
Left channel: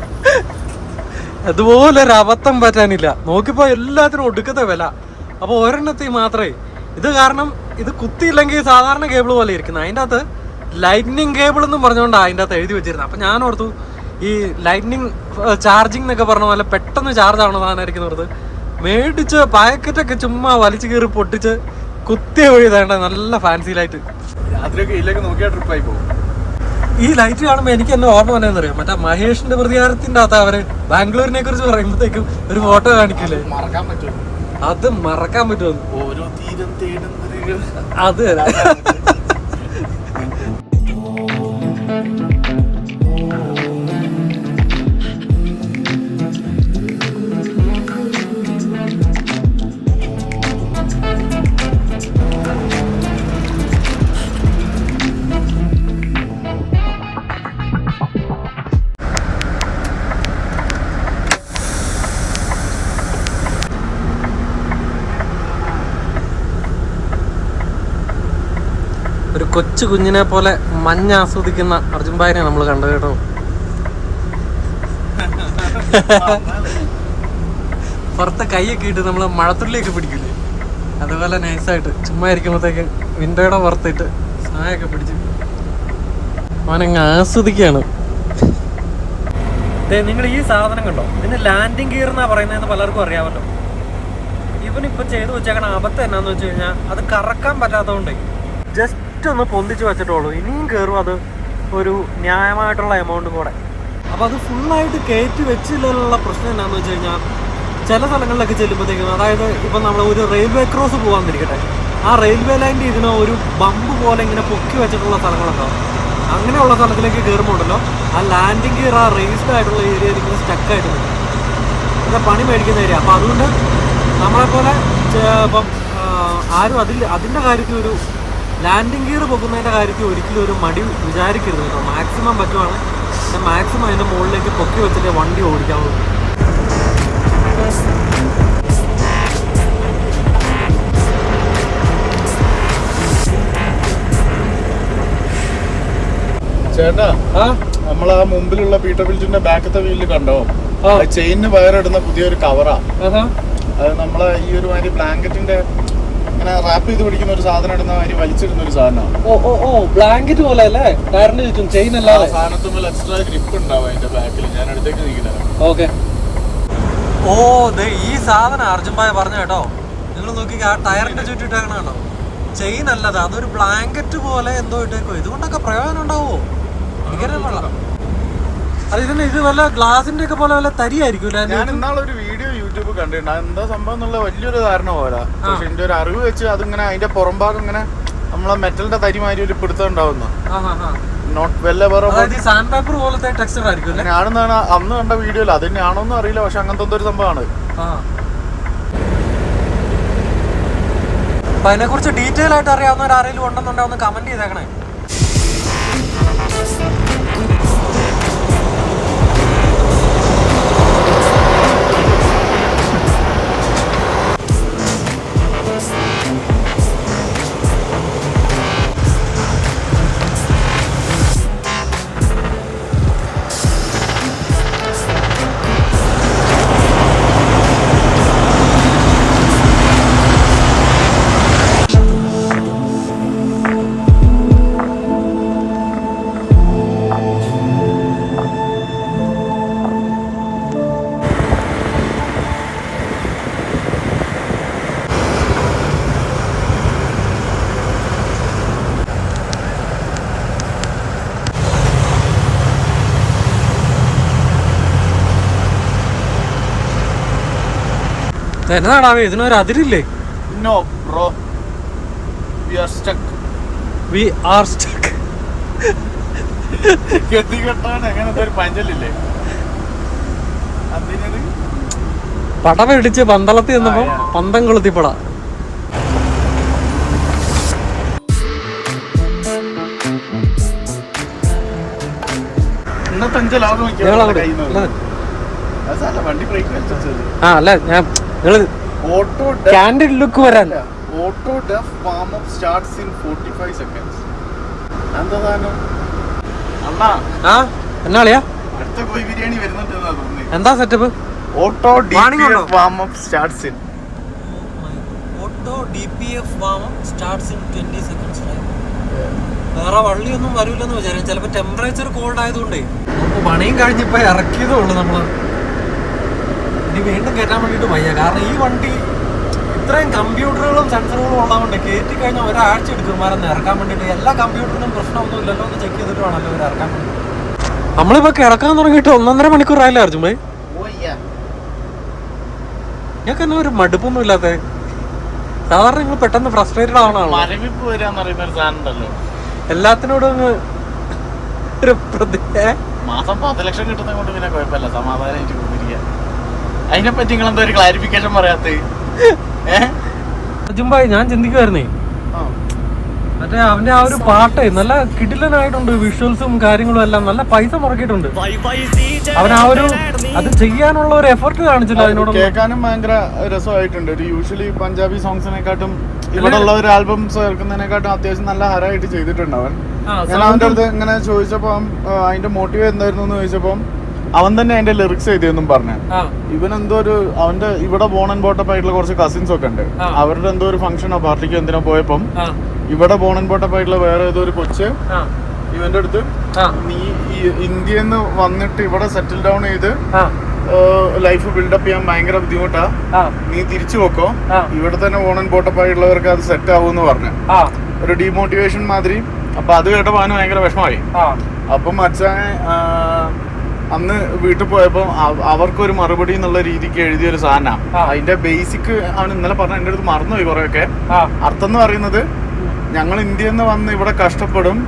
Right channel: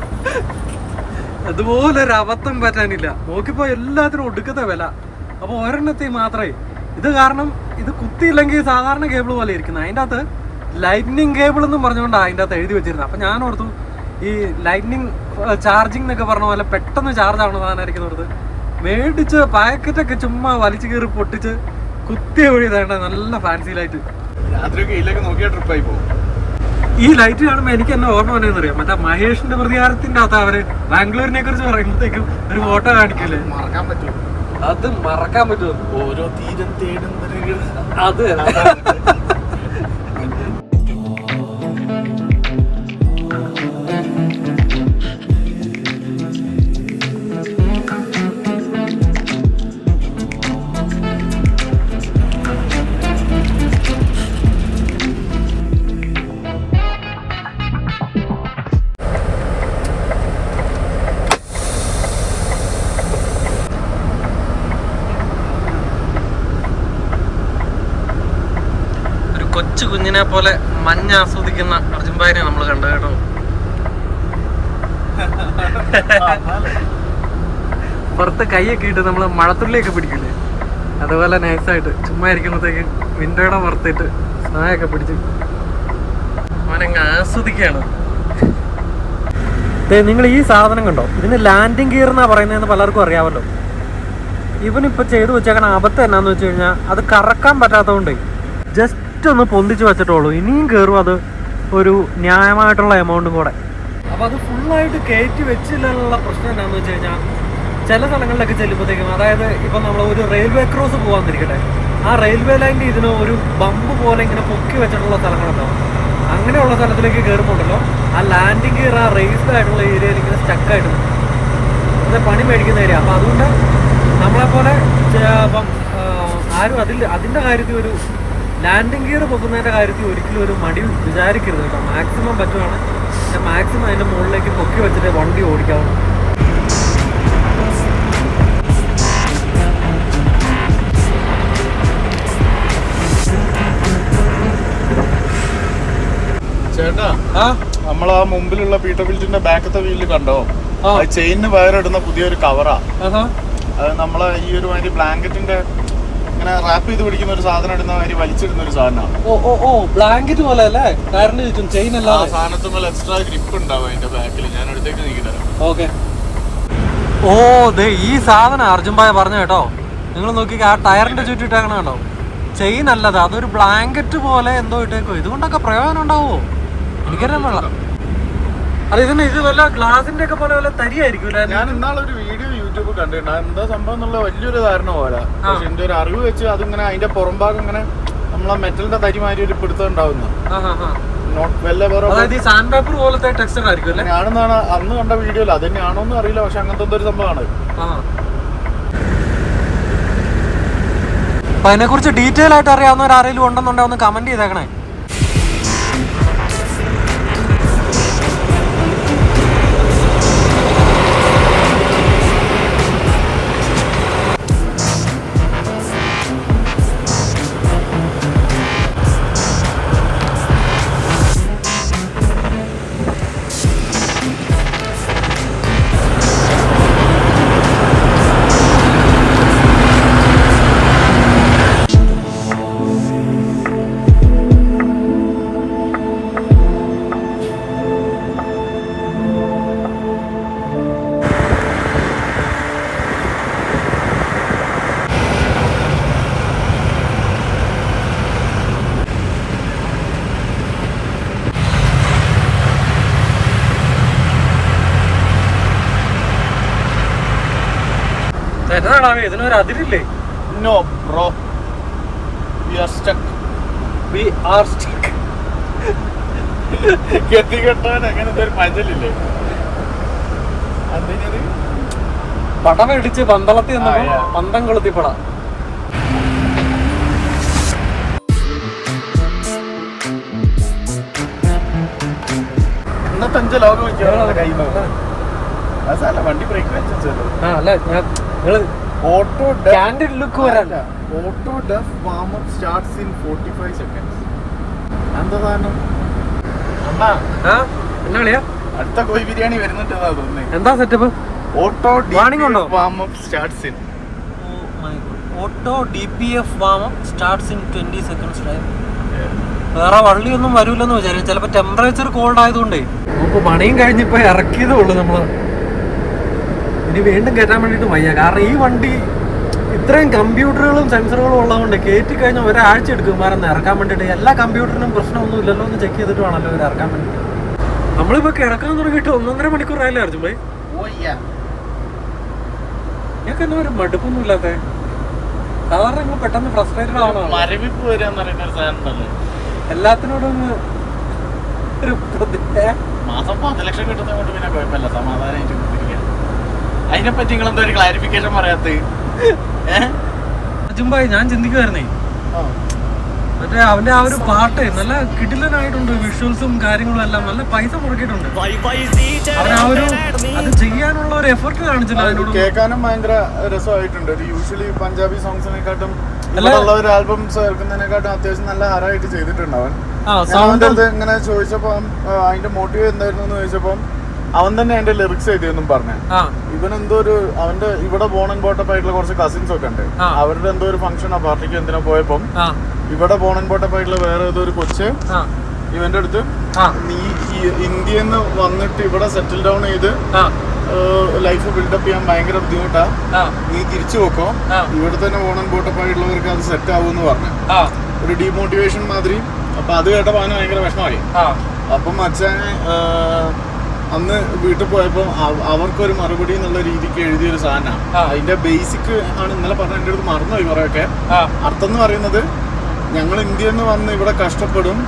അതുപോലെ ഒരു അബദ്ധം പറ്റാനില്ല. നോക്കിപ്പോ എല്ലാത്തിനും ഒടുക്കത്തെ വില. അപ്പൊ ഒരെണ്ണത്തിൽ മാത്രമേ ഇത് കാരണം ഇത് കുത്തിയില്ലെങ്കിൽ സാധാരണ കേബിൾ പോലെ ഇരിക്കുന്നത്. അതിൻ്റെ അകത്ത് ലൈറ്റ്നിങ് കേബിൾ എന്നും പറഞ്ഞുകൊണ്ടാണ് അതിൻ്റെ അകത്ത് എഴുതി വെച്ചിരുന്നത്. അപ്പം ഞാൻ ഓർത്തു ഈ ലൈറ്റ്നിങ് ചാർജിങ് എന്നൊക്കെ പറഞ്ഞ പോലെ പെട്ടെന്ന് ചാർജ് ആവണ സാധനമായിരിക്കും ഓർത്ത് മേടിച്ച് പാക്കറ്റൊക്കെ ചുമ്മാ വലിച്ചു കയറി പൊട്ടിച്ച് കുത്തിയ വഴി വേണ്ട നല്ല ഫാൻസി ലൈറ്റ്. ഈ ലൈറ്റ് കാണുമ്പോൾ എനിക്ക് എന്നെ ഓർമ്മ വന്നതെന്ന് അറിയാം, മറ്റേ മഹേഷിന്റെ പ്രതികാരത്തിന്റെ അകത്ത് അവര് ബാംഗ്ലൂരിനെ കുറിച്ച് പറയുമ്പോഴത്തേക്കും ഒരു ഫോട്ടോ കാണിക്കില്ലേ, മറക്കാൻ പറ്റും. അത് മറക്കാൻ പറ്റുമോ? ഓരോ തീരം തേടുന്ന അത് കൊച്ചു കുഞ്ഞിനെ പോലെ മഞ്ഞ ആസ്വദിക്കുന്ന അർജുൻഭായിനെ നമ്മൾ കണ്ടു കേട്ടോ. പുറത്ത് കൈയൊക്കെ ഇട്ട് നമ്മൾ മഴത്തുള്ളിയൊക്കെ പിടിക്കില്ലേ, അതുപോലെ നൈസായിട്ട് ചുമ്മാ ഇരിക്കുമ്പോഴത്തേക്ക് വിൻഡോയുടെ പുറത്തിട്ട് സ്നായൊക്കെ പിടിച്ച് അവനങ്ങ് ആസ്വദിക്കുകയാണ്. നിങ്ങൾ ഈ സാധനം കണ്ടോ, ഇതിന് ലാൻഡിങ് ഗിയർ എന്നാ പറയുന്നതെന്ന് പലർക്കും അറിയാമല്ലോ. ഇവനിപ്പോൾ ചെയ്തു വെച്ചേക്കണ അബദ്ധം എന്നാന്ന് വെച്ച് കഴിഞ്ഞാൽ അത് കറക്കാൻ പറ്റാത്തതുകൊണ്ടേ ജസ്റ്റ് ഒന്ന് പൊന്തിച്ച് വെച്ചിട്ടുള്ളൂ. ഇനിയും കയറും അത് ഒരു ന്യായമായിട്ടുള്ള എമൗണ്ടും കൂടെ. അപ്പോൾ അത് ഫുള്ളായിട്ട് കയറ്റി വെച്ചില്ലുള്ള പ്രശ്നം എന്താണെന്ന് വെച്ച് കഴിഞ്ഞാൽ ചില സ്ഥലങ്ങളിലൊക്കെ ചെല്ലുമ്പോഴത്തേക്കും, അതായത് ഇപ്പം നമ്മൾ ഒരു റെയിൽവേ ക്രോസ് പോകാമെന്നിരിക്കട്ടെ, ആ റെയിൽവേ ലൈനിൻ്റെ ഇതിന് ഒരു ബമ്പ് പോലെ ഇങ്ങനെ പൊക്കി വെച്ചിട്ടുള്ള സ്ഥലങ്ങളുണ്ടാവും. അങ്ങനെയുള്ള സ്ഥലത്തിലേക്ക് കയറുമ്പോണ്ടല്ലോ ആ ലാൻഡിങ് ഗിയർ ആ റേസ്ഡ് ആയിട്ടുള്ള ഏരിയയിൽ ഇങ്ങനെ സ്റ്റക്കായിട്ട് നിൽക്കും. അത് പണി മേടിക്കുന്ന ഏരിയ. അപ്പോൾ അതുകൊണ്ട് നമ്മളെപ്പോലെ ഇപ്പം ആരും അതിൻ്റെ കാര്യത്തിൽ ഒരു ലാൻഡിങ് ഗിയർ പൊക്കുന്നതിൻ്റെ കാര്യത്തിൽ ഒരിക്കലും ഒരു മടി വിചാരിക്കരുത് കേട്ടോ. മാക്സിമം പറ്റുവാണ് മാക്സിമം അതിൻ്റെ മുകളിലേക്ക് പൊക്കി വെച്ചിട്ട് വണ്ടി ഓടിക്കാവുള്ളൂ. ചേട്ടാ, നമ്മൾ ആ മുമ്പിലുള്ള പീറ്റർബിൽറ്റിന്റെ ബാക്കത്തെ വീലിൽ കണ്ടോ, ചെയിനിന് വയറിടുന്ന പുതിയൊരു കവറാ അത്. നമ്മളെ ഈ ഒരു മാതിരി ബ്ലാങ്കറ്റിന്റെ ഇങ്ങനെ റാപ്പ് ചെയ്ത് പിടിക്കുന്ന ഒരു സാധനം ഇടുന്ന മാതിരി വലിച്ചിടുന്ന ഒരു സാധനമാണ്. ഓ ബ്ലാങ്കറ്റ് പോലെ അല്ലേ, ടയറിന് ചുറ്റും ചെയിൻ അല്ലാതെ സാധനത്തുമ്പോൾ എക്സ്ട്രാ ഗ്രിപ്പ് ഉണ്ടാവും അതിന്റെ ബാക്കിൽ. ഞാൻ അടുത്തേക്ക് നീക്കിത്തരാം. ഓക്കെ. ഓ ദേ ഈ സാധനം അർജുൻഭായ പറഞ്ഞു കേട്ടോ. നിങ്ങൾ നോക്കി ആ ടയറിന്റെ ചുറ്റിട്ടേക്കണ കണ്ടോ, ചെയിൻ അല്ലത്, അതൊരു ബ്ലാങ്കറ്റ് പോലെ എന്തോ ഇട്ടേക്കോ. ഇതുകൊണ്ടൊക്കെ പ്രയോജനം ഉണ്ടാവോ എനിക്കറിയാൻ പാടില്ല. അത് ഇത് വല്ല ഗ്ലാസിന്റെ ഒക്കെ പോലെ വല്ല തരിയായിരിക്കും. ഞാൻ ഇന്നാളൊരു വീഡിയോ യൂട്യൂബ് കണ്ടിട്ടുണ്ട്, എന്താ സംഭവം എന്നുള്ള വലിയൊരു ധാരണ പോലെ. പക്ഷെ എന്റെ ഒരു അറിവ് വെച്ച് അതിങ്ങനെ അതിന്റെ പുറം ഭാഗം ഇങ്ങനെ നമ്മളെ മെറ്റലിന്റെ തരി മാതിരി ഒരു പിടുത്തം ഉണ്ടാവുന്ന സാൻഡ് പേപ്പർ പോലത്തെ ടെക്സ്ചർ ആയിരിക്കും. അങ്ങനെയാണെന്നാണ് അന്ന് കണ്ട വീഡിയോയിൽ. അത് തന്നെയാണോന്നും അറിയില്ല, പക്ഷെ അങ്ങനത്തെ ഒരു സംഭവമാണ്. അപ്പൊ അതിനെ കുറിച്ച് ഡീറ്റെയിൽ ആയിട്ട് അറിയാവുന്നവർ ആരെങ്കിലും ഉണ്ടെന്നുണ്ടെങ്കിൽ ഒന്ന് കമന്റ് ചെയ്തേക്കണേ. എന്നതാണാവേ ഇതിനൊരു അതിരില്ലേ? No bro, we are stuck. We are stuck. ഗതി കെട്ടാൻ അങ്ങനെ എന്തൊരു പഞ്ചലില്ലേ, അതിനൊരു പട മേടിച്ച് പന്തളത്തി വന്നപ്പോ പന്തം കൊളുത്തിപ്പട. എന്നാ പഞ്ചല വണ്ടി ബ്രേക്കിന് ആ അല്ല ഞാൻ ഓട്ടോ ക്യാൻഡിൽ ലുക്ക് വരാൻ ഓട്ടോ ഡെഫ് warm up starts in 45 seconds. എന്താണ് ആ എന്നാളിയാ അടുത്ത കോഴി ബിരിയാണി വരുന്നുണ്ടെന്നാ തോന്നുന്നത്. എന്താ സെറ്റപ്പ്? ഓട്ടോ വാണിംഗ് ഉണ്ടോ? Warm up starts in auto DPF warm up starts in 20 seconds. വേറെ വള്ളിയൊന്നും വരൂലെന്ന് വിചാരിച്ചു. ചിലപ്പോ ടെമ്പറേച്ചർ കോൾഡ് ആയതുകൊണ്ടേ നമുക്ക് പണിയും കഴിഞ്ഞിപ്പോ ഇറക്കിയതേ ഉള്ളൂ നമ്മള്. ഇനി വീണ്ടും കയറ്റാൻ വേണ്ടിട്ട് വയ്യ. കാരണം ഈ വണ്ടി ഇത്രയും കമ്പ്യൂട്ടറുകളും സെൻസറുകളും ഉള്ളതുകൊണ്ട് കയറ്റി കഴിഞ്ഞാൽ ഒരാഴ്ച എടുക്കും മരം ഇറക്കാൻ വേണ്ടിട്ട്. എല്ലാ കമ്പ്യൂട്ടറിനും പ്രശ്നമൊന്നും ഇല്ലല്ലോ എന്ന് ചെക്ക് ചെയ്തിട്ട് വേണമല്ലോ അവർ ഇറക്കാൻ വേണ്ടി. നമ്മളിപ്പോ കിടക്കാൻ തുടങ്ങിയിട്ട് 1.5 മണിക്കൂർ ആയില്ലേ അർജുൻ? ഞങ്ങൾക്ക് എന്നാ ഒരു മടുപ്പൊന്നും ഇല്ലാത്ത സാധാരണ നിങ്ങൾ പെട്ടെന്ന് ഫ്രസ്ട്രേറ്റഡ് ആവണാണ്. മരവിപ്പ് വരാന്ന് പറയുന്ന ഒരു സാധനം ഉണ്ടല്ലോ എല്ലാത്തിനോടും മാസം 10 ലക്ഷം കിട്ടുന്നത് കൊണ്ട് പിന്നെ കുഴപ്പമില്ല, സമാധാനം കൊടുത്തിരിക്കുക. അതിനെപ്പറ്റി നിങ്ങൾ എന്തോ ഒരു ക്ലാരിഫിക്കേഷൻ പറയാത്ത? അർജുൻ ഭായി ഞാൻ ചിന്തിക്കുവായിരുന്നേ, മറ്റേ അവന്റെ ആ ഒരു പാട്ട് നല്ല കിടിലനായിട്ടുണ്ട്. വിഷ്വൽസും കാര്യങ്ങളും എല്ലാം നല്ല പൈസ മുടക്കിയിട്ടുണ്ട്. അവൻ ആ ഒരു അത് ചെയ്യാനുള്ള ഒരു എഫർട്ട് കാണിച്ചില്ല. അതിനോട് കേൾക്കാനും ഭയങ്കര രസമായിട്ടുണ്ട്. ഒരു യൂഷ്വലി പഞ്ചാബി സോങ്സിനെക്കാട്ടും ഇങ്ങനെയുള്ള ഒരു ആൽബംസ് കേൾക്കുന്നതിനെക്കാട്ടും അത്യാവശ്യം നല്ല ഹരായിട്ട് ചെയ്തിട്ടുണ്ട് അവൻ. ഇങ്ങനെ ചോദിച്ചപ്പോ അതിന്റെ മോട്ടീവ് എന്തായിരുന്നു എന്ന് ചോദിച്ചപ്പോ അവൻ തന്നെ അതിന്റെ ലിറിക്സ് ചെയ്തെന്നും പറഞ്ഞു. ഇവനെന്തോ ഒരു അവന്റെ ഇവിടെ ബോൺ ആൻഡ് ബോട്ടപ്പ് ആയിട്ടുള്ള കുറച്ച് കസിൻസ് ഒക്കെ ഉണ്ട്. അവരുടെ എന്തോ ഒരു ഫംഗ്ഷനോ പാർട്ടിക്കോ എന്തിനോ പോയപ്പം ഇവിടെ ബോൺ ആൻഡ് ബോട്ടപ്പ് ആയിട്ടുള്ള വേറെ ഏതോ ഒരു കൊച്ച് ഇവന്റെ അടുത്ത് നീ ഇന്ത്യയിൽ നിന്ന് വന്നിട്ട് ഇവിടെ സെറ്റിൽ ഡൗൺ ചെയ്ത് ലൈഫ് ബിൽഡപ്പ് ചെയ്യാൻ ഭയങ്കര ബുദ്ധിമുട്ടാ, നീ തിരിച്ചു പോക്കോ, ഇവിടെ തന്നെ ബോൺ ആൻഡ് ബോട്ടപ്പ് ആയിട്ടുള്ളവർക്ക് അത് സെറ്റ് ആവുമെന്ന് പറഞ്ഞു. ഒരു ഡീമോട്ടിവേഷൻ മാതിരി. അപ്പൊ അത് കേട്ടപ്പോ അവന് ഭയങ്കര വിഷമമായി. അപ്പം അച്ഛനെ അന്ന് വീട്ടിൽ പോയപ്പോ അവർക്കൊരു മറുപടി എന്നുള്ള രീതിക്ക് എഴുതിയൊരു സാധനം. അതിന്റെ ബേസിക് ആണ് ഇന്നലെ പറഞ്ഞ, എന്റെ അടുത്ത് മറന്നുപോയി കുറെയൊക്കെ. അർത്ഥം എന്ന് പറയുന്നത് ഞങ്ങൾ ഇന്ത്യയിൽ നിന്ന് വന്ന് ഇവിടെ കഷ്ടപ്പെടും,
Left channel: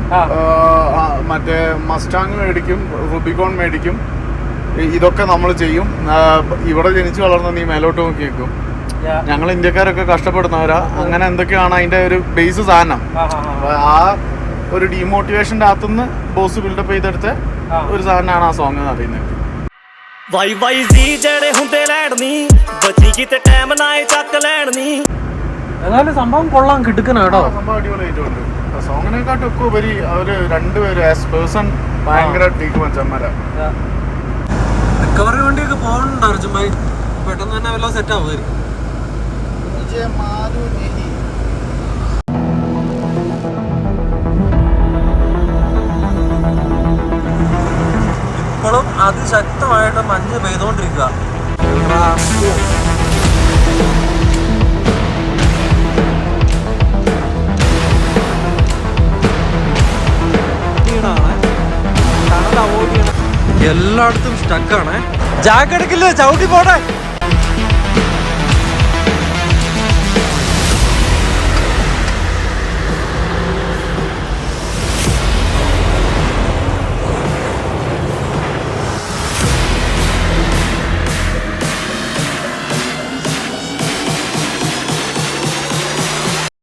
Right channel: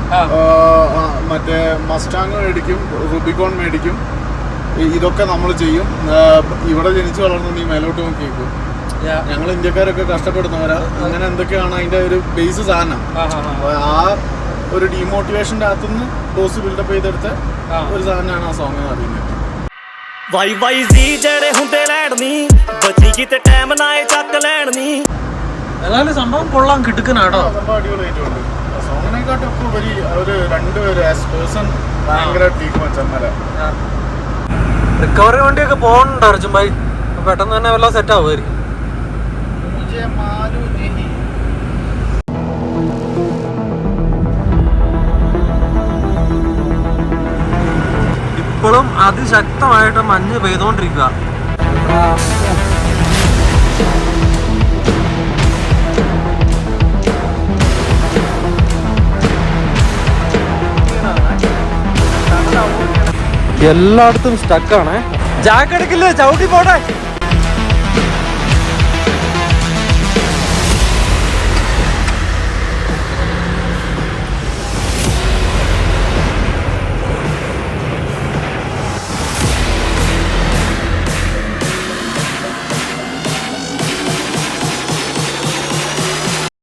മറ്റേ മസ്റ്റാങ് മേടിക്കും, റുബിക്കോൺ മേടിക്കും, ഇതൊക്കെ നമ്മൾ ചെയ്യും. ഇവിടെ ജനിച്ചു വളർന്ന നീ മേലോട്ട് നോക്കി വെക്കും, ഞങ്ങൾ ഇന്ത്യക്കാരൊക്കെ കഷ്ടപ്പെടുന്നവരാ, അങ്ങനെ എന്തൊക്കെയാണ് അതിന്റെ ഒരു ബേസ് സാധനം. ആ ഒരു ഡീമോട്ടിവേഷന്റെ അകത്തുനിന്ന് ബോസ് ബിൽഡപ്പ് ചെയ്തെടുത്ത് ഒരു സാധനമാണ് ആ സോങ് എന്ന് പറയുന്നത്. ഏതായാലും സംഭവം കൊള്ളാൻ കിട്ടുക്കനാട്ടോ. സംഭവം അടിപൊളിയായിട്ടുണ്ട്. സോങ്ങിനെക്കാട്ടൊക്കെ ഉപരി അവര് രണ്ടുപേരും ആസ് പേഴ്സൺ ഭയങ്കര ടീക്ക് മച്ചന്മാരാ. റിക്കവറി വണ്ടിയൊക്കെ പോകണ്ട അർജുൻ ഭായി, പെട്ടെന്ന് തന്നെ വല്ല സെറ്റ് ആവുമായിരിക്കും. ഇപ്പോഴും അതിശക്തമായിട്ട് മഞ്ഞ് പെയ്തോണ്ടിരിക്കുക. എല്ലായിടത്തും സ്റ്റക്കാണ്. ജാക്ക് എടുക്കില്ലേ, ചവിട്ടി പോട്ടെ.